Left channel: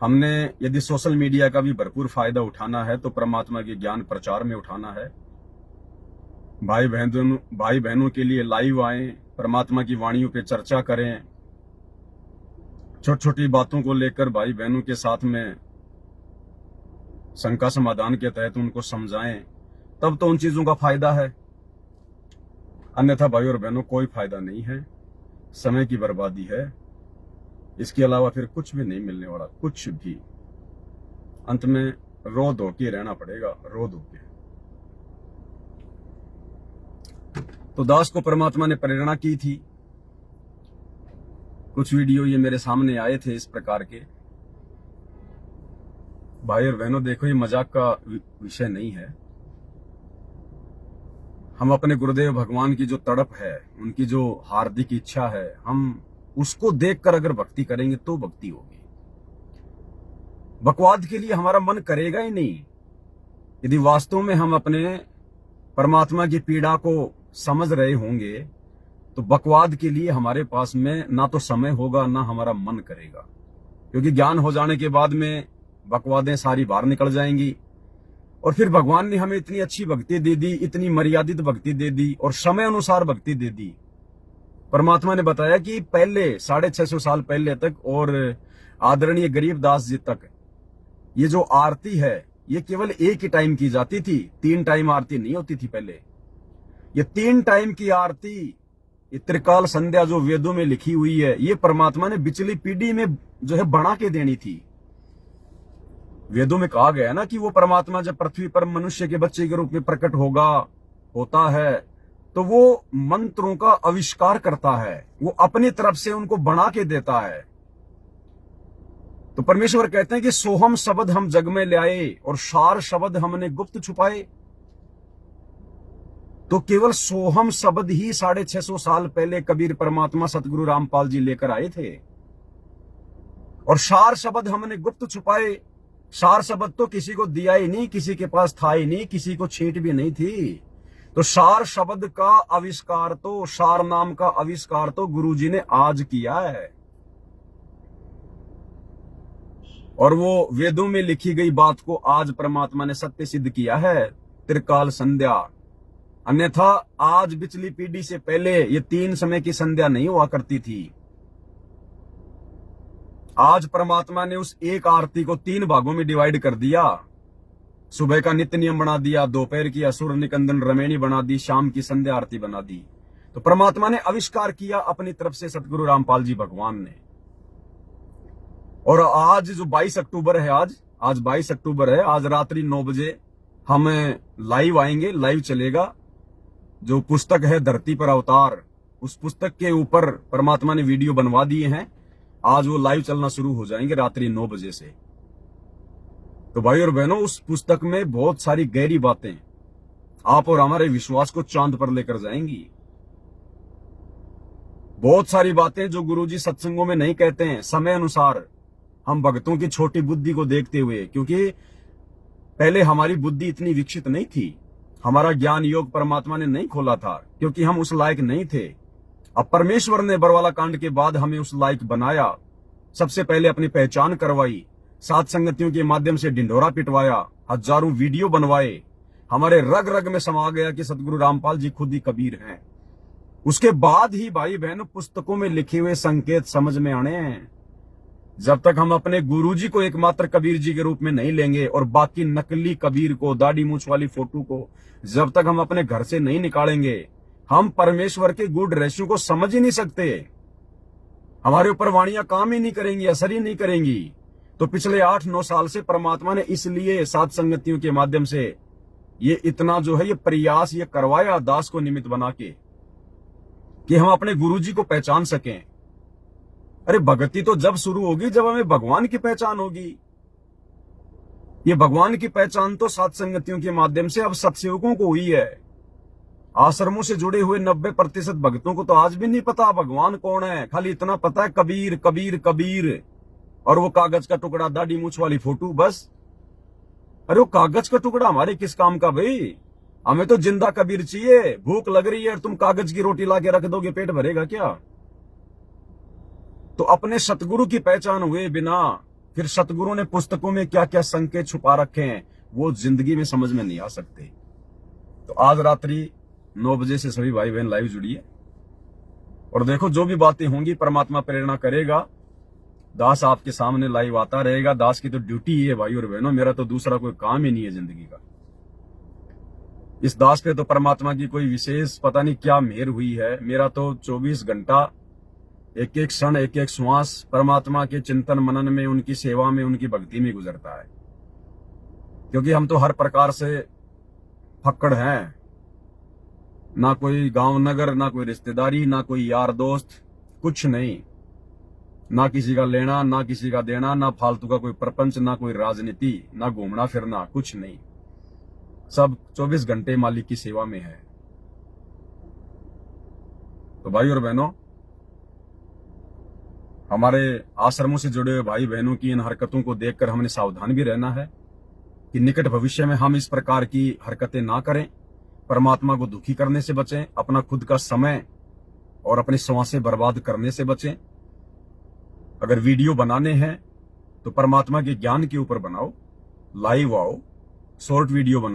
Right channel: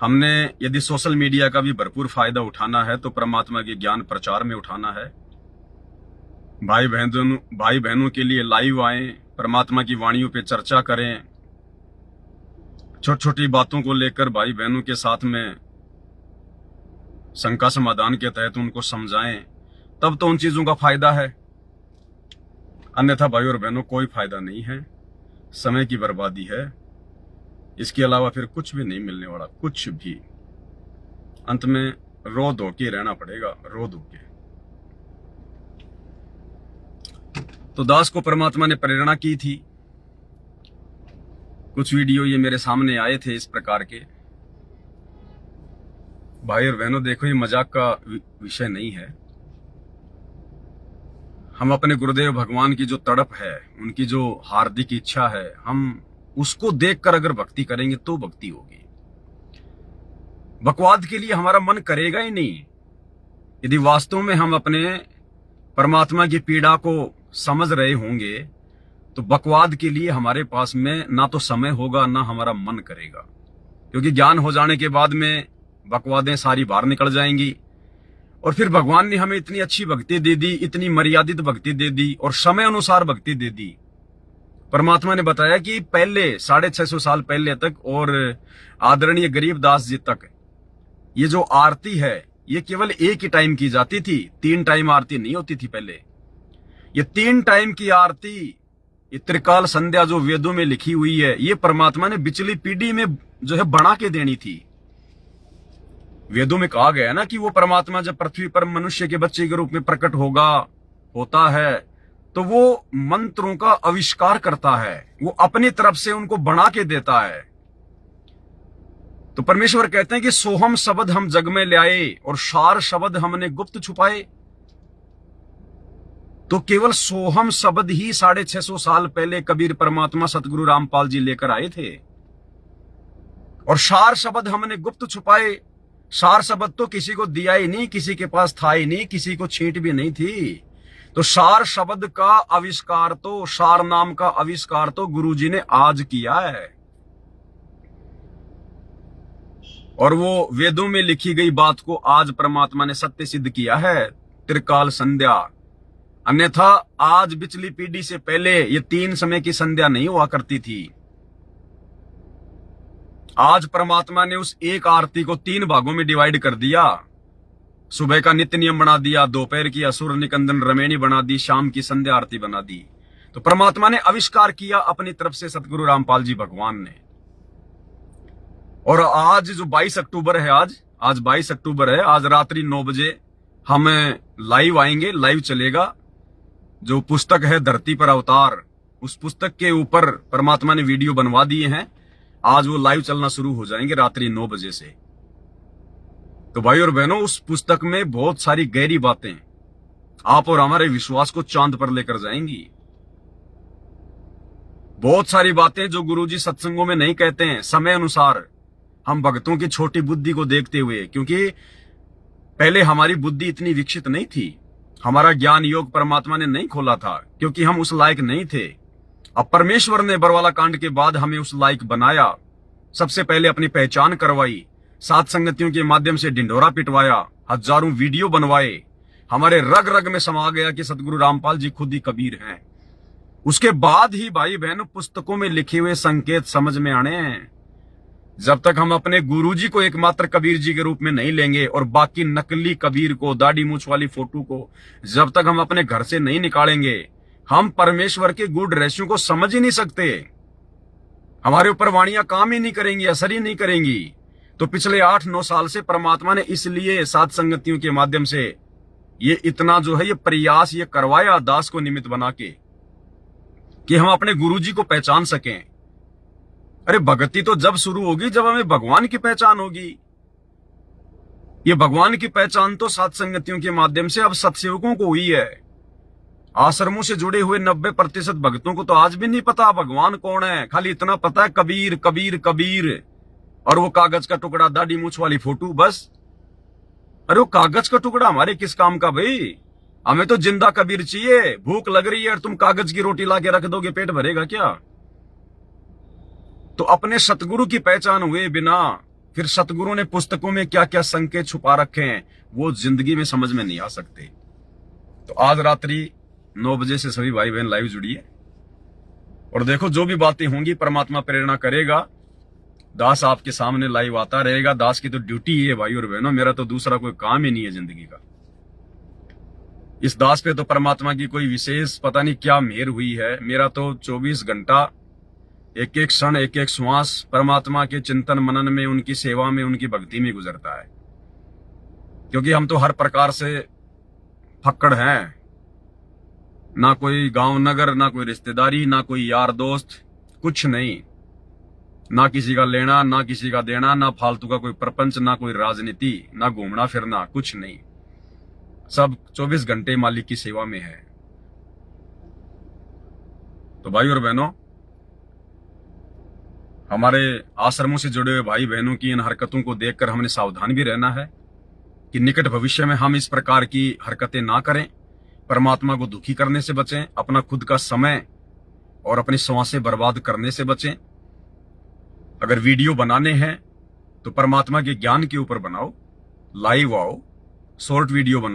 हमने यदि social media का भी भरपूर फायदा उठाना है तो परमात्मा के ज्ञान प्रचार में उठाना है। भाई बहनों के लिए लाइव आए, परमात्मा की वाणियों पे चर्चा करें, छोटी छोटी बातों को लेकर भाई बहनों के साथ में शंका समाधान के तहत उनको समझाएं, तब तो उन चीजों का फायदा है। अन्यथा भाई और बहनों कोई फायदा नहीं है, समय की बर्बादी है। इसके अलावा फिर कुछ भी नहीं मिलने वाला, कुछ भी। अंत में रो धो के रहना पड़ेगा, रो धो के। तो दास को परमात्मा ने प्रेरणा की थी। कुछ वीडियो ये मेरे सामने आए थे इस प्रकार के। भाई और बहनों देखो, ये मजाक का विषय नहीं है। हम अपने गुरुदेव भगवान की जो तड़प है, उनकी जो हार्दिक इच्छा है, हम उसको देखकर अगर भक्ति करेंगे तो भक्ति होगी। बकवाद के लिए हमारा मन करेगा ही नहीं। यदि वास्तव में हम अपने परमात्मा की पीड़ा को समझ रहे होंगे तो बकवाद के लिए हमारे पास में ना तो समय होगा ना हमारा मन करेगा। क्योंकि ज्ञान हो जाने के बाद में बकवादें सारी बाहर निकल जाएंगी। और फिर भगवान ने हमें इतनी अच्छी भक्ति दे दी, इतनी मर्यादित भक्ति दे दी और समय अनुसार भक्ति दे दी। परमात्मा ने बताया कि पहले 650 साल पहले तक और आदरणीय गरीबदास जी तक ये जो आरती है ये केवल एक ही टाइम की जाती थी, 3 टाइम आरती नहीं होती थी पहले। ये 3 टाइम की आरती, ये त्रिकाल संध्या जो वेदों में लिखी हुई है, ये परमात्मा ने पिछली पीढ़ी में जो है बना के देनी थी। वेदों में कहा गया है ना कि वो परमात्मा जब पृथ्वी पर मनुष्य के बच्चे के रूप में प्रकट होता है तो वो मंत्रों का आविष्कार करता है, वो अपनी तरफ से उनको बना के देता है। तो परमेश्वर कहते हैं कि सोहम शब्द हम जग में ले आए और सार शब्द हमने गुप्त छुपाए। तो केवल सोहम शब्द ही 650 साल पहले कबीर परमात्मा सतगुरु रामपाल जी लेकर आए थे और सार शब्द हमने गुप्त छुपाए। सार शब्द तो किसी को दिया ही नहीं, किसी के पास था ही नहीं, किसी को छींट भी नहीं थी। तो सार शब्द का आविष्कार तो, सार नाम का आविष्कार तो गुरुजी ने आज किया है। और वो वेदों में लिखी गई बात को आज परमात्मा ने सत्य सिद्ध किया है, त्रिकाल संध्या। अन्यथा आज पिछली पीढ़ी से पहले ये 3 समय की संध्या नहीं हुआ करती थी। आज परमात्मा ने उस एक आरती को 3 भागों में डिवाइड कर दिया। सुबह का नित्य नियम बना दिया, दोपहर की असुर निकंदन रमेणी बना दी, शाम की संध्या आरती बना दी। तो परमात्मा ने आविष्कार किया अपनी तरफ से सतगुरु रामपाल जी भगवान ने। और आज जो 22 अक्टूबर है, आज 22 अक्टूबर है, आज रात्रि 9 बजे हम लाइव आएंगे, लाइव चलेगा। जो पुस्तक है धरती पर अवतार, उस पुस्तक के ऊपर परमात्मा ने वीडियो बनवा दिए हैं। आज वो लाइव चलना शुरू हो जाएंगे रात्रि 9 बजे से। तो भाई और बहनों, उस पुस्तक में बहुत सारी गहरी बातें आप और हमारे विश्वास को चांद पर लेकर जाएंगी। बहुत सारी बातें जो गुरुजी सत्संगों में नहीं कहते हैं, समय अनुसार हम भक्तों की छोटी बुद्धि को देखते हुए। क्योंकि पहले हमारी बुद्धि इतनी विकसित नहीं थी, हमारा ज्ञान योग परमात्मा ने नहीं खोला था, क्योंकि हम उस लायक नहीं थे। अब परमेश्वर ने बरवाला कांड के बाद हमें उस लायक बनाया। सबसे पहले अपनी पहचान करवाई, साथ संगतियों के माध्यम से ढिंढोरा पिटवाया, हजारों वीडियो बनवाए। हमारे रग रग में समा गया कि सतगुरु रामपाल जी खुद ही कबीर हैं। उसके बाद ही भाई बहनों पुस्तकों में लिखे हुए संकेत समझ में आने हैं। जब तक हम अपने गुरुजी को एकमात्र कबीर जी के रूप में नहीं लेंगे और बाकी नकली कबीर को, दाढ़ी मूछ वाली फोटो को जब तक हम अपने घर से नहीं निकालेंगे, हम परमेश्वर के गूढ़ रहस्यों को समझ ही नहीं सकते। हमारे ऊपर वाणियां काम ही नहीं करेंगी, असर ही नहीं करेंगी। तो पिछले 8-9 साल से परमात्मा ने इसलिए सात संगतियों के माध्यम से ये इतना जो है ये प्रयास ये करवाया दास को निमित्त बना के कि हम अपने गुरुजी को पहचान सकें। अरे भक्ति तो जब शुरू होगी जब हमें भगवान की पहचान होगी। ये भगवान की पहचान तो सात संगतियों के माध्यम से अब सत्सेवकों को हुई है। आश्रमों से जुड़े हुए 90% भक्तों को तो आज भी नहीं पता भगवान कौन है। खाली इतना पता है कबीर कबीर कबीर, और वो कागज का टुकड़ा, दाढ़ी मूछ वाली फोटो, बस। अरे वो कागज का टुकड़ा हमारे किस काम का भाई? हमें तो जिंदा कबीर चाहिए। भूख लग रही है और तुम कागज की रोटी ला के रख दोगे, पेट भरेगा क्या? तो अपने सतगुरु की पहचान हुए बिना फिर सतगुरु ने पुस्तकों में क्या क्या संकेत छुपा रखे हैं वो जिंदगी में समझ में नहीं आ सकते। तो आज रात्रि 9 बजे से सभी भाई बहन लाइव जुड़िए और देखो जो भी बातें होंगी परमात्मा प्रेरणा करेगा। दास आपके सामने लाइव आता रहेगा। दास की तो ड्यूटी ही है भाई और बहनों, मेरा तो दूसरा कोई काम ही नहीं है जिंदगी का। इस दास पे तो परमात्मा की कोई विशेष पता नहीं क्या मेहर हुई है। मेरा तो 24 घंटा एक एक क्षण एक एक श्वास परमात्मा के चिंतन मनन में, उनकी सेवा में, उनकी भक्ति में गुजरता है। क्योंकि हम तो हर प्रकार से फक्कड़ हैं, ना कोई गांव नगर, ना कोई रिश्तेदारी, ना कोई यार दोस्त, कुछ नहीं, ना किसी का लेना ना किसी का देना, ना फालतू का कोई प्रपंच, ना कोई राजनीति, ना घूमना फिरना, कुछ नहीं। सब 24 घंटे मालिक की सेवा में है। तो भाई और बहनों, हमारे आश्रमों से जुड़े हुए भाई बहनों की इन हरकतों को देखकर हमने सावधान भी रहना है कि निकट भविष्य में हम इस प्रकार की हरकतें ना करें, परमात्मा को दुखी करने से बचें, अपना खुद का समय और अपनी सांसें बर्बाद करने से बचें। अगर वीडियो बनाने हैं तो परमात्मा के ज्ञान के ऊपर बनाओ, लाइव आओ, शॉर्ट वीडियो बनाओ।